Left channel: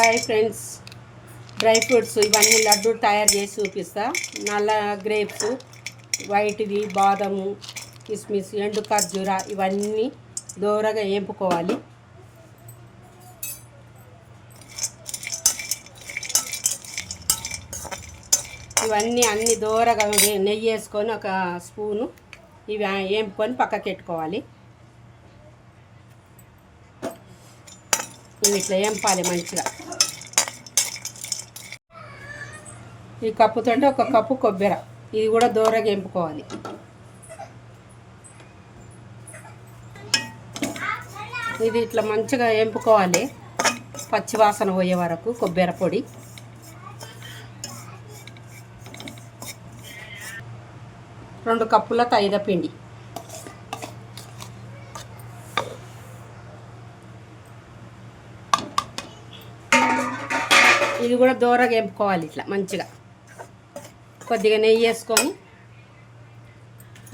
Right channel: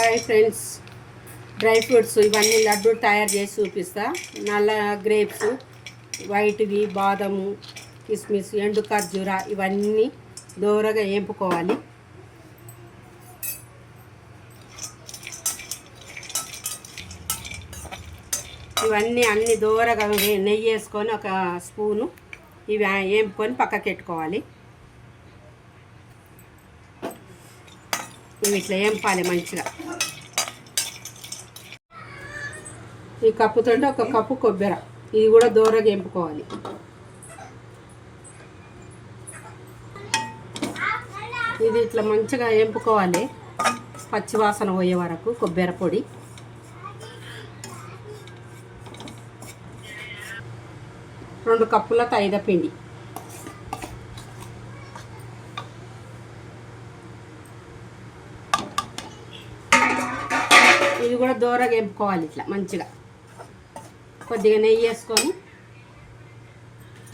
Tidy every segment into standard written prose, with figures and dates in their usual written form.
Hi friends, dry fruits ఇవన్నీ లడ్డు తయారు చేసి చూపిస్తా. నల్ల గ్రేప్స్, వైట్వి, బాదము, కిస్మిస్, ఎండు ఖర్జూర ఇవన్నీ దోరగా వేపుకోవాలి. ఇవన్నీ అన్ని దోరగా నెయ్యి వేసుకొని ఒక స్పూను ఇవి వేపుకొని పక్కకి పెట్టుకోవాలి. ఇవి ఇట్లా వేపాలి మంచిగా. ఈ కప్పుతో ఒక కప్పు కొబ్బరి, ఇది కూడా దోరగా వేపుకోవాలి. ఇది ఇట్లా మంచిగా వేపుకోవాలి పచ్చివాసన పోయే వరకు. కొబ్బరి పొడి, రెండు కప్పుల మైదాపిండి, ఇది కూడా దోరగా వేపుకోవాలి. ఇట్లా మంచిగా కొద్దిగా నెయ్యి వేసుకొని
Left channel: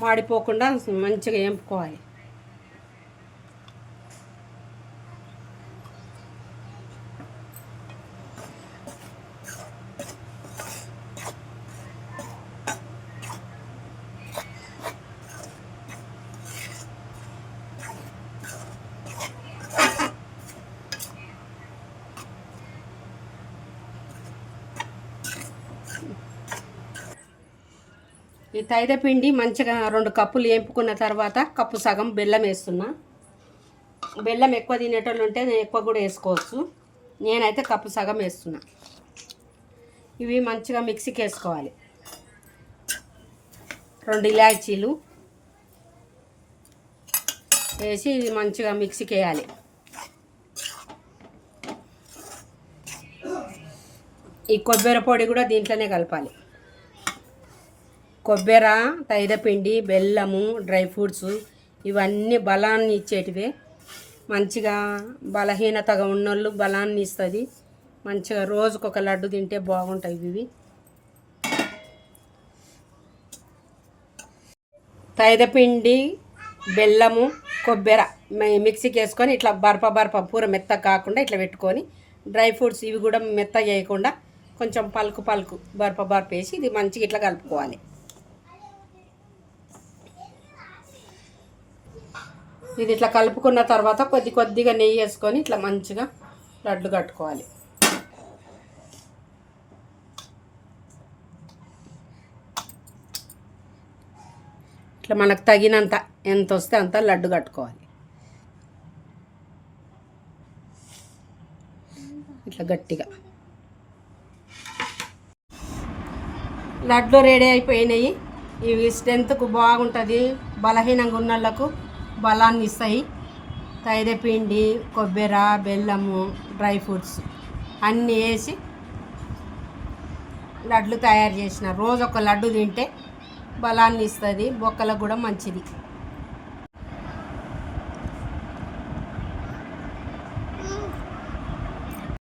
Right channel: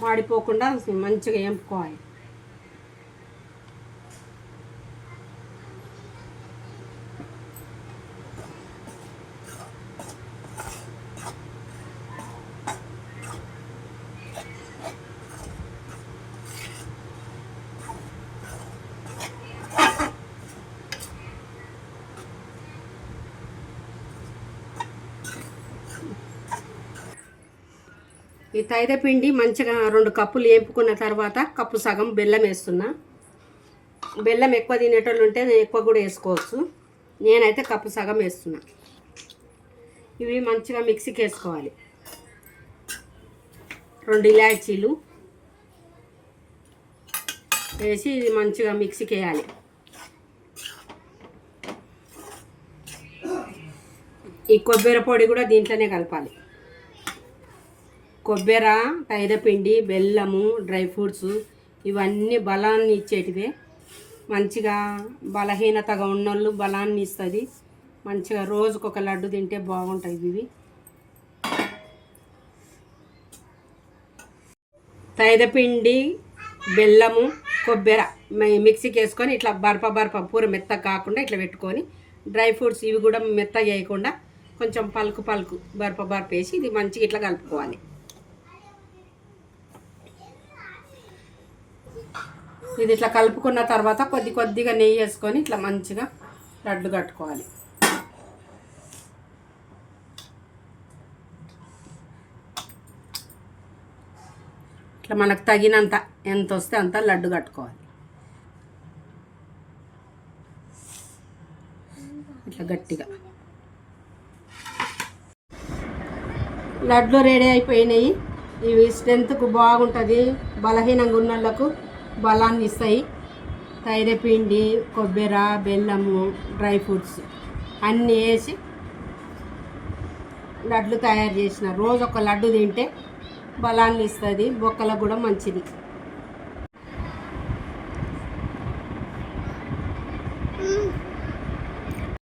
మాడిపోకుండా మంచిగా వేపుకోవాలి. ఈ మైదాపిండి మంచిగా 2 కప్పులు వేపుకున్న తర్వాత కప్పు సగం బెల్లం వేస్తున్నా. బెల్లం ఎక్కువ తినేటోళ్ళు ఉంటే ఎక్కువ కూడా వేసుకోవచ్చు. నేనైతే కప్పు సగం వేస్తున్నా. ఇవి మంచిగా మిక్సీకి వేసుకోవాలి. 2 ఇలాచీలు వేసి ఇది మంచిగా మిక్సీకి వేయాలి. ఈ కొబ్బరి పొడి కూడా దీంట్లోనే కలపాలి. కొబ్బరి, మైదాపిండి, బెల్లము, డ్రై ఫ్రూట్స్ ఇవన్నీ బలాన్ని ఇచ్చేటివే. మంచిగా బలహీనతగా ఉన్నోళ్ళు బలాన్ని ఇస్తుంది. మంచిగా రోజుకొక లడ్డు తింటే బాగుంటాయి ఇవి. మైదాపిండి, బెల్లము, కొబ్బరి మిక్సీకి వేసుకొని ఇట్లా బరప పూర మెత్తగా కాకుండా ఇట్లా పెట్టుకొని, డ్రై ఫ్రూట్స్ ఇవి కూడా మెత్తగా వేయకుండా కొంచెం పలుకు బరప వేసి ఇది మంచిగా ఇట్లా కలుపుకోవాలి. ఇది ఇట్లా కలుపుకున్న తర్వాత కొద్దిగా నెయ్యి వేసుకొని ఇట్లా మంచిగా లడ్డు కట్టుకోవాలి. ఇట్లా మనకు తగినంత ఎంత వస్తే అంత లడ్డు కట్టుకోవాలి. ఇట్లా గట్టిగా లడ్డు రెడీ అయిపోయినాయి. ఇవి స్ట్రెంత్కు బాగుంటుంది. బలహీనంగా ఉన్న వాళ్ళకు బలాన్ని ఇస్తాయి. మైదాపిండి, కొబ్బరి, బెల్లము, డ్రై ఫ్రూట్స్ అన్నీ వేసి లడ్లు తయారు చేసిన. రోజు ఒక లడ్డు తింటే బలాన్ని ఇస్తుంది. బొక్కలకు కూడా మంచిది.